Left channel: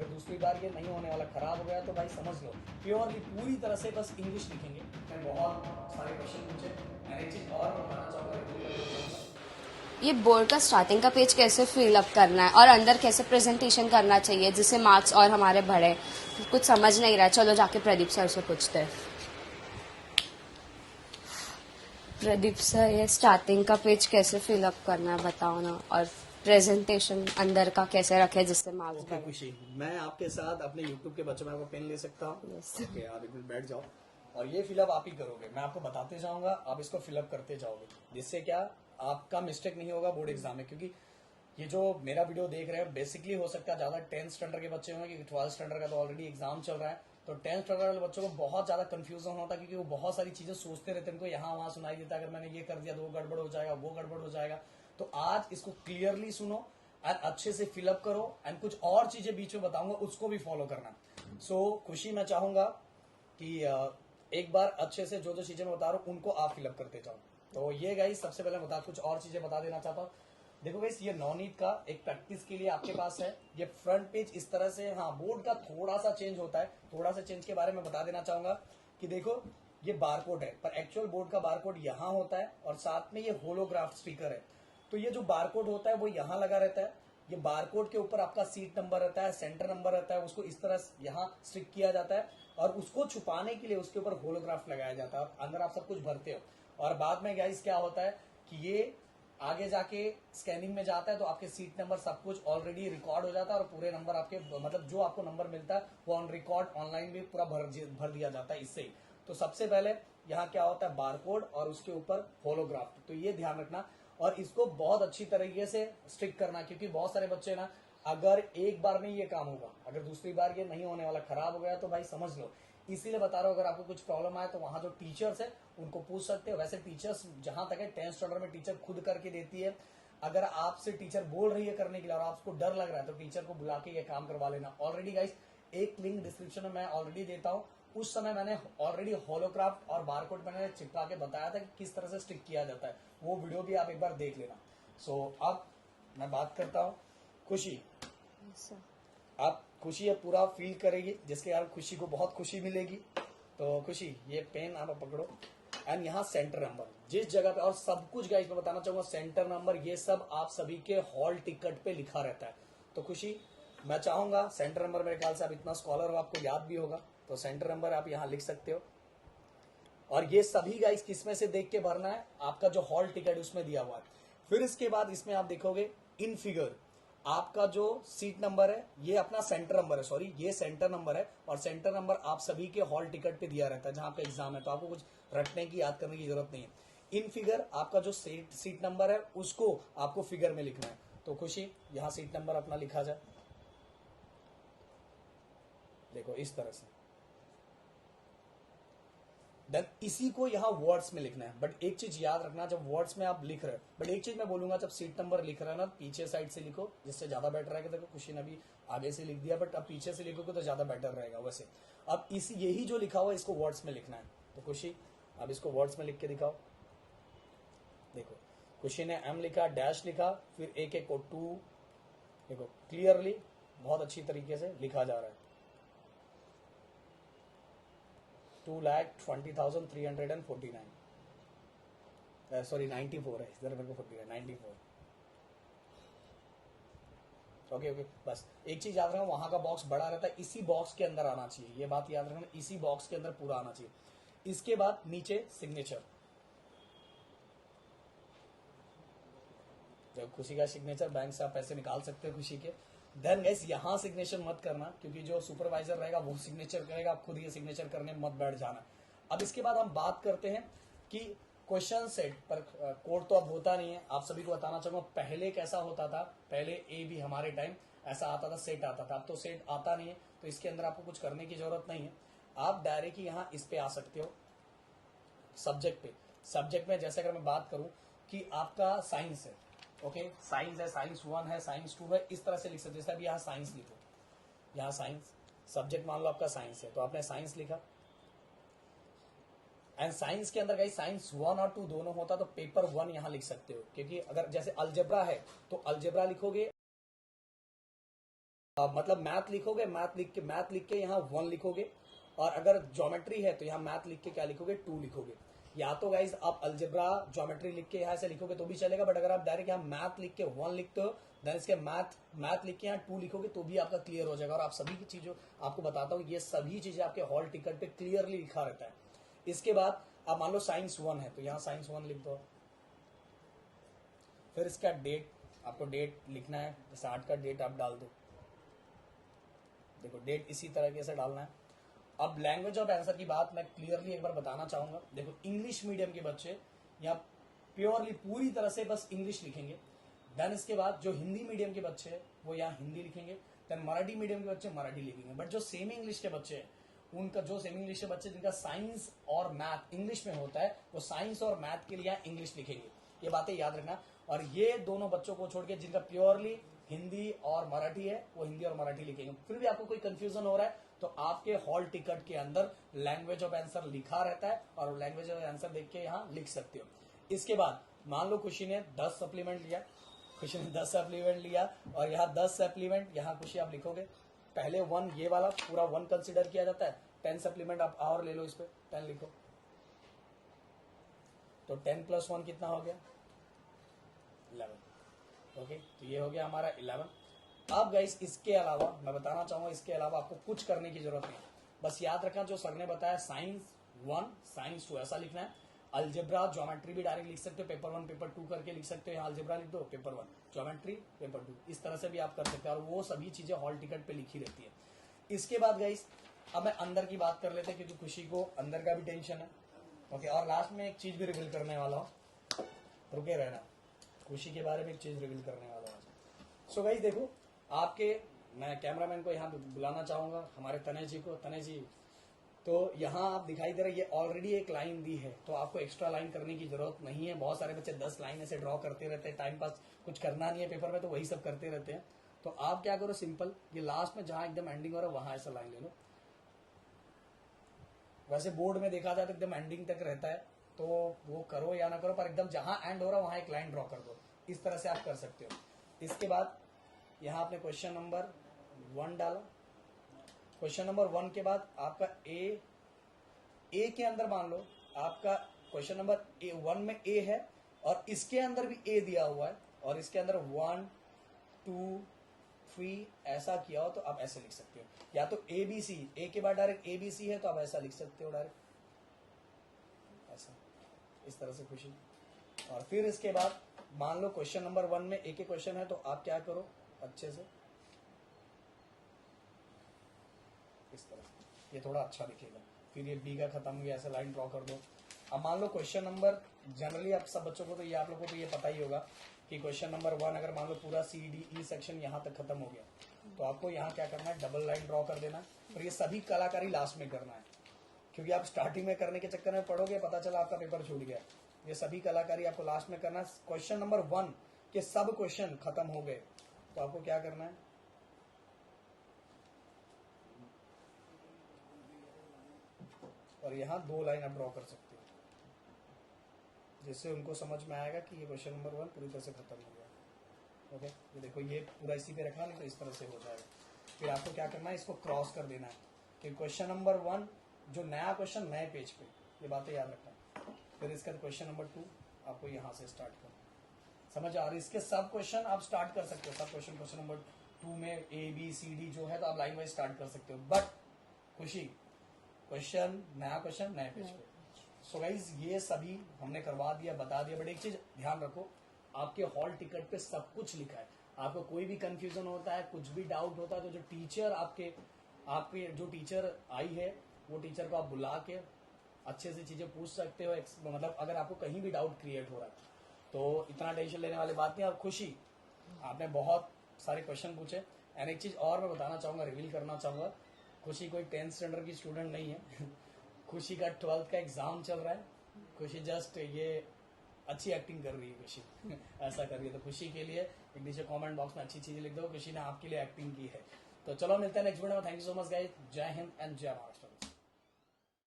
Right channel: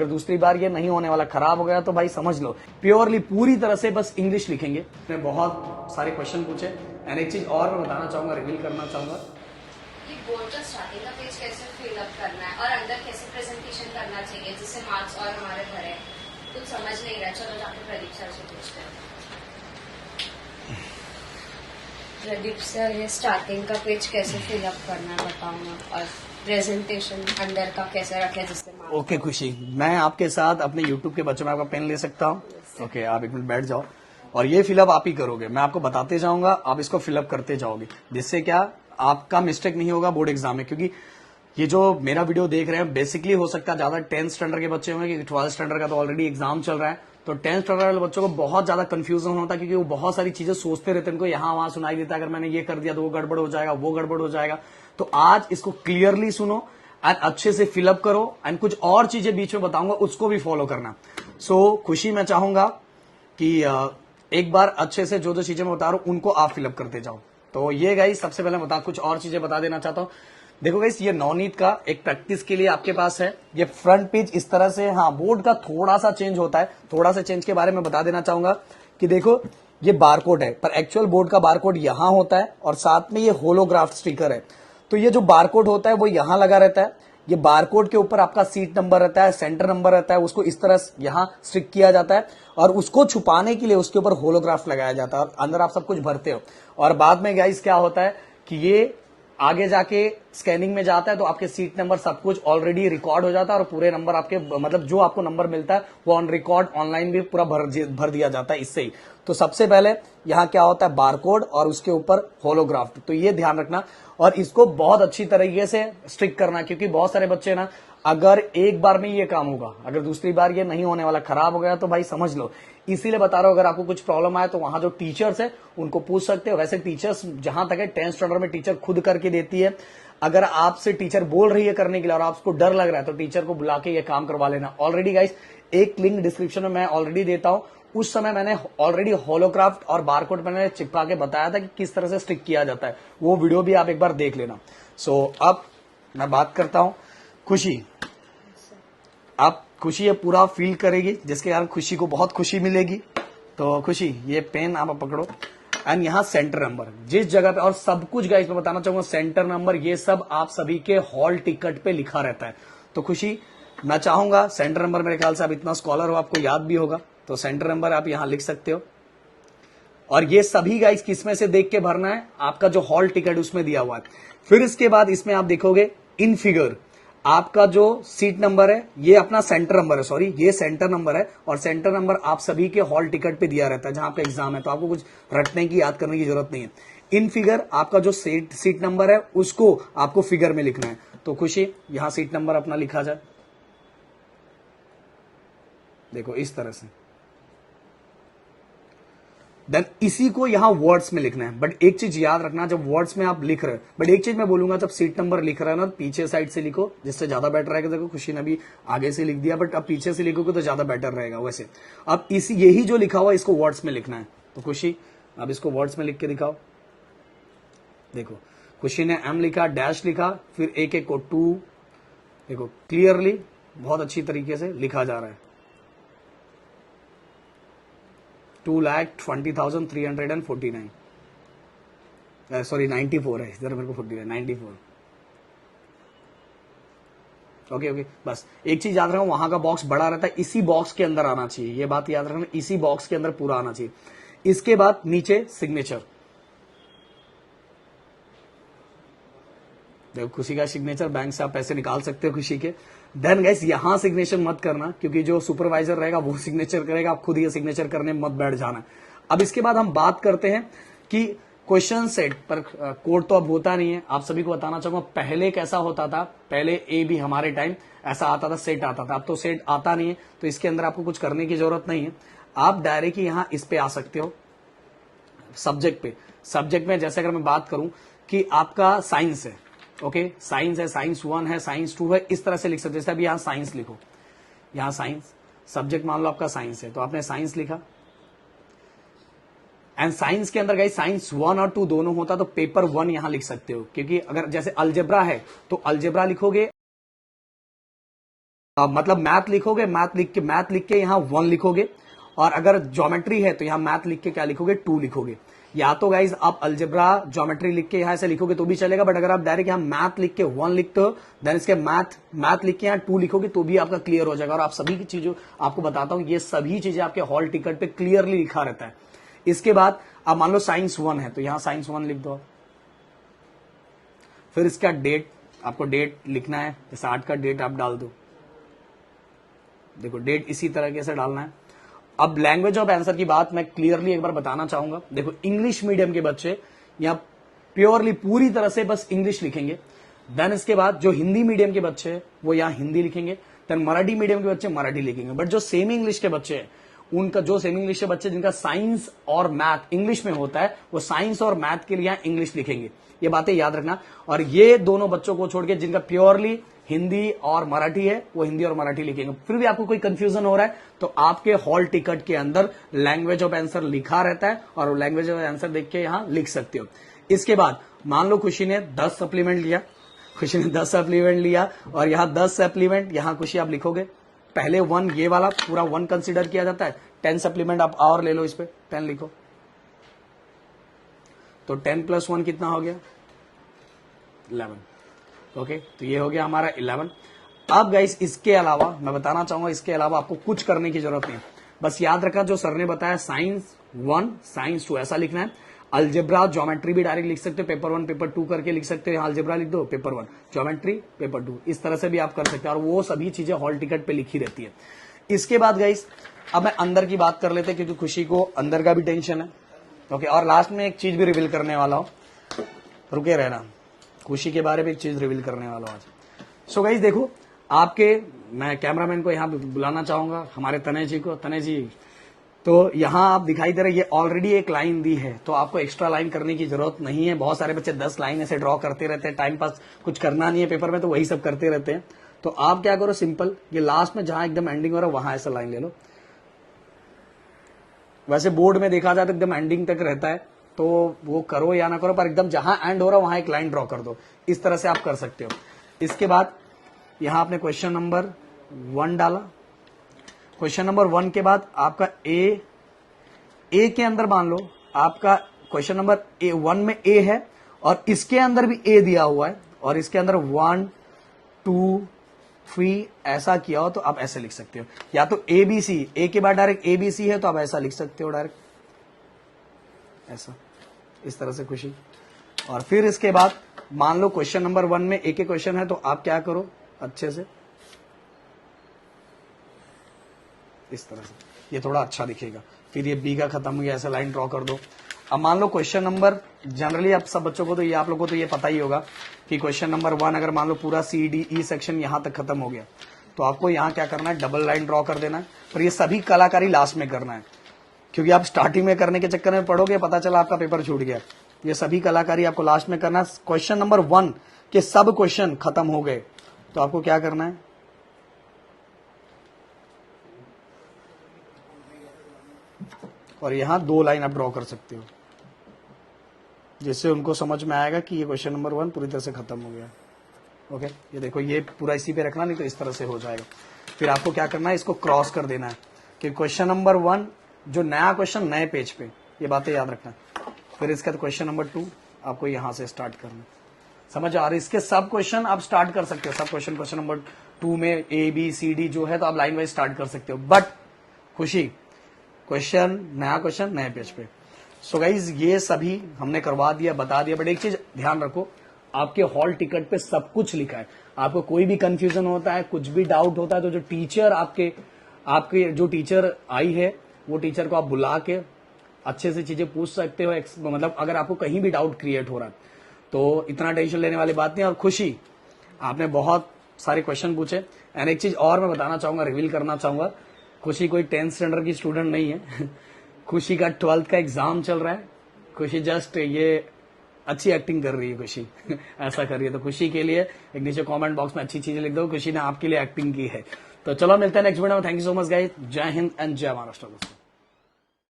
अगर दूसरी बार ये नहीं होने वाला, खराब हो गया तो भाई समझ लो प्योरली पूरी तरह से बस इंग्लिश लिखेंगे। मैंने बहुत सारे क्वेश्चन पूछे एंड एक चीज और मैं बताना चाहूंगा, रिवील करना चाहूंगा। ये बोर्ड का स्टार्टिंग का पेज कैसे फिल अप करना है और अंदर कैसे प्रेजेंटेशन करना चाहिए जिससे मार्क्स और हमारे बढ़े, कुछ समझ नहीं रहा है। चलो जाके प्रदीप सर से पूछते हैं। प्रदीप सर, ये स्टार्टिंग का पेज कैसे फिल अप करना है बताओ ना, और प्रेजेंटेशन अंदर का कैसे रखे जिससे मार्क्स। ओके खुशी, मैं आपके साथ अपने यूट्यूब के बच्चों में आपका पेन ले सकता हूँ? ओके, आप एक मिनट बैठ जाओ और ये फिलअप आप ही करोगे। मैं आपको बताते जाऊंगा, आप इसको फिलअप करते जाओगे, जिससे क्या आपका मिस्टेक नहीं होगा बोर्ड एग्जाम में। क्योंकि ये जो मेरा वीडियो देख रहे हैं बेसिकली हो सकता है ज्यादा 10th स्टैंडर्ड के बच्चे होंगे, क्योंकि 12th स्टैंडर्ड का तो ऑलरेडी एग्जाम चल रहा है। तो 10th स्टैंडर्ड वाले बच्चों को बहुत ज्यादा कंफ्यूजन होता है, क्योंकि वो बहुत सारी चीजें सोचते रहते हैं, उनको यहाँ वहां सुनाई देता है, अगर मैंने ये कर दिया तो वो गड़बड़ हो जाएगा, वो गड़बड़ हो जाएगा। तो आज इसको क्लियरली सुनो एंड अच्छे से फिलअप करो एंड कुछ और चीजें बीच में बताऊंगा उसको भी फॉलो करना। सो खुशी, मैं चाहूंगा कि एक बार अच्छे से जो जो चीजें मैं बता रहा हूं उनको आप फिलअप करते जाओ। तो ये गाइस सबसे पहले बता कुछ और चीजें बता देना चाहता हूँ। देखो गाइस, ये नवनीत का एक प्रैक्टिस के लिए आपके पास है ये फ्रंट पेज इस तरह से। हाँ, बोर्ड का थोड़ा सा चेंज होता है, थोड़ा सा चेंज के बारे में बता देना चाहूंगा कि देखो ये बारकोड है, पर एक्चुअल बोर्ड का बारकोड यहां होता है और साथ में ये होलोग्राफ स्टिकर है। तो ये जो बारकोड होता है वो यहां लगा रहता है। ये बारकोड के ऊपर आपका सीट नंबर रहता है, सेंटर नंबर रहता है, उसको इस तरह यहां स्टिक किया जाता है और उसको छुपाने के लिए उसके ऊपर होलोग्राफ लगाया जाता है और अंदर आप सब कुछ भरते हो। और बाद में गाइस क्या होता है कि ये आगे जाके स्कैनिंग में जाता है तो आपके सीट नंबर सब कुछ ऑलरेडी रिकॉर्ड हो जाता है और पूरे नंबर आपके मतलब जो आपको नंबर मिलता है वो ऑन रिकॉर्ड ऑनलाइन भी पूरा भर दिया जाता है इससे ही। तो सबसे पहले यहाँ क्या होता है, बारकोड और उसके ऊपर होलोग्राफ। तो ये ध्यान रखना और इसको बहुत अच्छी तरीके से स्ट्रिक करना, क्योंकि बहुत सारे बच्चे ना, अगर एक बार में ये काम होगा, अगर दूसरी बार ये नहीं होने वाला, खराब हो गया तो भाई समझ लो। इसीलिए बता रहा हूं, अगर आपको कुछ प्रॉब्लम आए तो वहां जो टीचर्स है उनको पूछ सकते हो। वैसे टीचर्स जहां तक है 10th स्टैंडर्ड में टीचर खुद करके देती है। अगर आपसे टीचर बोल रही है करने के लिए और आपको डर लग रहा है तो टीचर को बुला के ये काम करवा लेना। ऑलरेडी गाइस एक लिंक डिस्क्रिप्शन में मैं ऑलरेडी देता हूं, उस समय मैंने ऑलरेडी होलोक्राफ्ट और बारकोड मैंने चिपका के बताया था कि किस तरह से स्टिक किया जाता है, वो वीडियो भी आप एक बार देख लेना। सो अब मैं बात करता हूं खुशी। आप खुशी ये पूरा फील करेगी, जिसके कारण खुशी को बहुत खुशी मिलेगी। तो खुशी, ये पेन आप पकड़ो एंड यहाँ सेंटर नंबर जिस जगह पे, और सब कुछ गाइस मैं बताना चाहूंगा, सेंटर नंबर ये सब आप सभी के हॉल टिकट पे लिखा रहता है। तो खुशी, मैं चाहूंगा सेंटर नंबर, मेरे ख्याल से आप इतना स्कॉलर हो, आपको याद भी होगा, तो सेंटर नंबर आप यहाँ लिख सकते हो। और ये सभी गाइस किसमें से देख के भरना है, आपका जो हॉल टिकट उसमें दिया हुआ है। फिर इसके बाद इसमें आप देखोगे इन फिगर आपका जो सीट नंबर है, ये अपना सेंटर नंबर है, सॉरी ये सेंटर नंबर है, और सेंटर नंबर आप सभी के हॉल टिकट पे दिया रहता है जहां पे एग्जाम है। तो आपको कुछ रटने की, याद करने की जरूरत नहीं है। इन फिगर आपका जो सीट नंबर है उसको आपको फिगर में लिखना है। तो खुशी, यहां सीट नंबर अपना लिखा जाए, देखो इस तरह से। देन इसी को यहां वर्ड्स में लिखना है। बट एक चीज याद रखना, जब वर्ड्स में आप लिख रहे हो, बट एक चीज मैं बोलूंगा, जब सीट नंबर लिख रहे हो ना, पीछे साइड से लिखो, जिससे ज्यादा बेटर रहेगा। देखो खुशी ने भी आगे से लिख दिया, बट अब पीछे से लिखोगे तो ज्यादा बेटर रहेगा। वैसे अब इसी यही जो लिखा हुआ इसको वर्ड्स में लिखना है। तो खुशी, अब इसको वर्ड्स में लिख के दिखाओ। देखो खुशी ने एम लिखा, डैश लिखा, फिर एक एक को 2, देखो क्लियरली बहुत अच्छी तरीके से लिखा जा रहा है। 2,20,349, सॉरी 94 है इधर, मेरे को 49, 94। ओके ओके, बस एक चीज याद रखना, वहां का बॉक्स बड़ा रहता है, इसी बॉक्स के अंदर आना चाहिए, ये बात याद रखना, इसी बॉक्स के अंदर पूरा आना चाहिए। इसके बाद नीचे सिग्नेचर, देखो खुशी का सिग्नेचर, बैंक से आप पैसे निकाल सकते हो खुशी के। देन गाइस यहां सिग्नेचर मत करना, क्योंकि जो सुपरवाइजर रहेगा वो सिग्नेचर करेगा, आप खुद ये सिग्नेचर करने मत बैठ जाना। अब इसके बाद हम बात करते हैं कि क्वेश्चन सेट पर कोड तो अब होता नहीं है। आप सभी को बताना चाहूंगा, पहले कैसा होता था, पहले ए भी हमारे टाइम ऐसा आता था, सेट आता था। अब तो सेट आता नहीं है, तो इसके अंदर आपको कुछ करने की जरूरत नहीं है। आप डायरेक्ट यहाँ इस पे आ सकते हो, सब्जेक्ट पे। सब्जेक्ट में जैसे अगर मैं बात करूं कि आपका साइंस है, ओके साइंस है, साइंस 1 है, साइंस 2 है, इस तरह से लिख सकते हो। जैसे अभी यहाँ साइंस लिखो, यहाँ साइंस सब्जेक्ट मान लो आपका साइंस है, तो आपने साइंस लिखा। एंड साइंस के अंदर गाइस साइंस 1 और 2 दोनों होता, तो पेपर 1 यहां लिख सकते हो, क्योंकि अगर जैसे अलजेब्रा है तो अलजेब्रा लिखोगे, मतलब मैथ लिखोगे, मैथ लिख के यहाँ 1 लिखोगे, और अगर ज्योमेट्री है तो यहाँ मैथ लिख के क्या लिखोगे, 2 लिखोगे। या तो गाइज आप अलजेब्रा ज्योमेट्री लिख के यहाँ से लिखोगे तो भी चलेगा, बट अगर आप डायरेक्ट यहाँ मैथ लिख के 1 लिखते हो, देन इसके मैथ लिख के यहाँ 2 लिखोगे तो भी आपका क्लियर हो जाएगा। और आप सभी की चीजों आपको बताता हूँ, ये सभी चीजें आपके हॉल टिकट पे क्लियरली लिखा रहता है। इसके बाद अब मान लो साइंस 1 है तो यहाँ साइंस 1 लिख दो। फिर इसका डेट, आपको डेट लिखना है, जैसे 8 का डेट आप डाल दो। देखो डेट इसी तरीके से डालना है। अब लैंग्वेज ऑफ आंसर की बात मैं क्लियरली एक बार बताना चाहूंगा। देखो इंग्लिश मीडियम के बच्चे यहाँ प्योरली पूरी तरह से बस इंग्लिश लिखेंगे। देन इसके बाद जो हिंदी मीडियम के बच्चे हैं वो यहाँ हिंदी लिखेंगे। देन मराठी मीडियम के बच्चे मराठी लिखेंगे। बट जो सेमी इंग्लिश के बच्चे हैं, उनका जो सेमी इंग्लिश के बच्चे जिनका साइंस और मैथ इंग्लिश में होता है, वो साइंस और मैथ के लिए यहाँ इंग्लिश लिखेंगे। ये बातें याद रखना। और ये दोनों बच्चों को छोड़ के जिनका प्योरली हिंदी और मराठी है, वो हिंदी और मराठी लिखेंगे। फिर भी आपको कोई कंफ्यूजन हो रहा है तो आपके हॉल टिकट के अंदर लैंग्वेज ऑफ आंसर लिखा रहता है, और लैंग्वेज ऑफ आंसर देख के यहाँ लिख सकते हो। इसके बाद मान लो खुशी ने 10 सप्लीमेंट लिया, और यहाँ 10 सप्लीमेंट, यहाँ खुशी आप लिखोगे पहले 1, ये वाला पूरा 1 कंसिडर किया जाता है। 10 सप्लीमेंट आप और ले लो, इस पे 10 लिखो, तो 10 + 1 कितना हो गया, 11। ओके, तो ये हो गया हमारा 11। अब गाइस इसके अलावा मैं बताना चाहूंगा, इसके अलावा आपको कुछ करने की जरूरत नहीं है। बस याद रखना जो सर ने बताया, साइंस 1 साइंस 2 ऐसा लिखना है। अलजेब्रा ज्योमेट्री भी डायरेक्ट लिख सकते हो, पेपर 1 पेपर 2 करके लिख सकते हो। अलजेब्रा लिख दो, पेपर 1 ज्योमेट्री, पेपर 2, इस तरह से भी आप कर सकते हो, और वो सभी चीजें हॉल टिकट पे लिखी रहती है। इसके बाद गाइस अब मैं अंदर की बात कर लेते हैं, क्योंकि खुशी को अंदर का भी टेंशन है। ओके, और लास्ट में एक चीज भी रिवील करने वाला हूं, रुके रहना, खुशी के बारे में एक चीज रिवील करने वाला हूं आज। सो गाइस देखो, मैं कैमरामैन को यहाँ बुलाना चाहूंगा, हमारे तने जी को। तने जी, तो यहाँ आप दिखाई दे रहे, ये ऑलरेडी एक लाइन दी है, तो आपको एक्स्ट्रा लाइन करने की जरूरत नहीं है। बहुत सारे बच्चे 10 लाइन ऐसे ड्रॉ करते रहते हैं, टाइम पास कुछ करना नहीं है पेपर में, तो वही सब करते रहते हैं। तो आप क्या करो, सिंपल ये लास्ट में जहां एकदम एंडिंग हो रहा है वहां ऐसा लाइन ले लो। वैसे बोर्ड में देखा जाए तो एकदम एंडिंग तक रहता है, तो वो करो या ना करो, पर एकदम जहां एंड हो रहा है वहां एक लाइन ड्रॉ कर दो। इस तरह से आप कर सकते हो। इसके बाद यहां आपने क्वेश्चन नंबर 1 डाला। क्वेश्चन नंबर 1 के बाद आपका ए के अंदर मान लो आपका क्वेश्चन नंबर 1 में ए है, और इसके अंदर भी ए दिया हुआ है, और इसके अंदर 1 2 3 ऐसा किया हो तो आप ऐसे लिख सकते हो। या तो ABC, ए के बाद डायरेक्ट ABC है तो आप ऐसा लिख सकते हो, डायरेक्ट ऐसा, इस तरह से खुशी। और फिर इसके बाद मान लो क्वेश्चन नंबर 1 में ए के क्वेश्चन है, तो आप क्या करो, अच्छे से इस तरह से, ये थोड़ा अच्छा दिखेगा। फिर ये बी का खत्म हो गया, ऐसा लाइन ड्रॉ कर दो। अब मान लो क्वेश्चन नंबर, जनरली आप सब बच्चों को तो ये, आप लोगों को तो ये पता ही होगा कि क्वेश्चन नंबर 1 अगर मान लो पूरा CDE सेक्शन यहां तक खत्म हो गया, तो आपको यहाँ क्या करना है, डबल लाइन ड्रॉ कर देना है। पर ये सभी कलाकारी लास्ट में करना है, क्योंकि आप स्टार्टिंग में करने के चक्कर में पढ़ोगे, पता चला आपका पेपर छूट गया। ये सभी कलाकारी आपको लास्ट में करना है। क्वेश्चन नंबर 1 के सब क्वेश्चन खत्म हो गए तो आपको क्या करना है, और यहां 2 लाइन आप ड्रॉ कर सकते हो, जिससे उनको समझ में आएगा कि ये क्वेश्चन नंबर 1 पूरी तरह से खत्म हो गया। ओके, ये देखो, ये पूरा इसी पे रखना, नहीं तो इस तरह से हो जाएगा। फिर आपको क्या करना है, इसको क्रॉस कर देना है कि क्वेश्चन नंबर 1 जो नया क्वेश्चन नए पेज पे, ये बातें याद रखना। फिर इसका क्वेश्चन नंबर 2 आपको यहां से स्टार्ट करना, समझ आ रही। इसके सब क्वेश्चन आप स्टार्ट कर सकते हो, सब क्वेश्चन नंबर 2 में ABCD जो है, तो आप लाइन वाइज स्टार्ट कर सकते हो। बट खुशी, क्वेश्चन नया क्वेश्चन नए पेज पे। सो गाइज ये सभी हमने करवा दिया, बता दिया। बट एक चीज ध्यान रखो, आपके हॉल टिकट पे सब कुछ लिखा है। आपको कोई भी कंफ्यूजन होता है, कुछ भी डाउट होता है, तो जो टीचर आपके जो टीचर आई है, वो टीचर को आप बुला के अच्छे से चीजें पूछ सकते हो। मतलब अगर आपको कहीं भी डाउट क्रिएट हो रहा है तो इतना टेंशन लेने वाली बात नहीं। और खुशी, आपने बहुत सारे क्वेश्चन पूछे। एंड एक चीज और मैं बताना चाहूंगा, रिवील करना चाहूंगा, खुशी कोई 10th स्टैंडर्ड की स्टूडेंट नहीं है। खुशी का 12th का एग्जाम चल रहा है। खुशी जस्ट ये अच्छी एक्टिंग कर रही है, खुशी ऐसा कर रही है। तो खुशी के लिए एक नीचे कमेंट बॉक्स में अच्छी चीजें लिख दो, खुशी ने आपके लिए एक्टिंग की है। तो चलो मिलते हैं नेक्स्ट वीडियो में। Thank you so much guys. जय हिंद एंड जय महाराष्ट्र दोस्तों।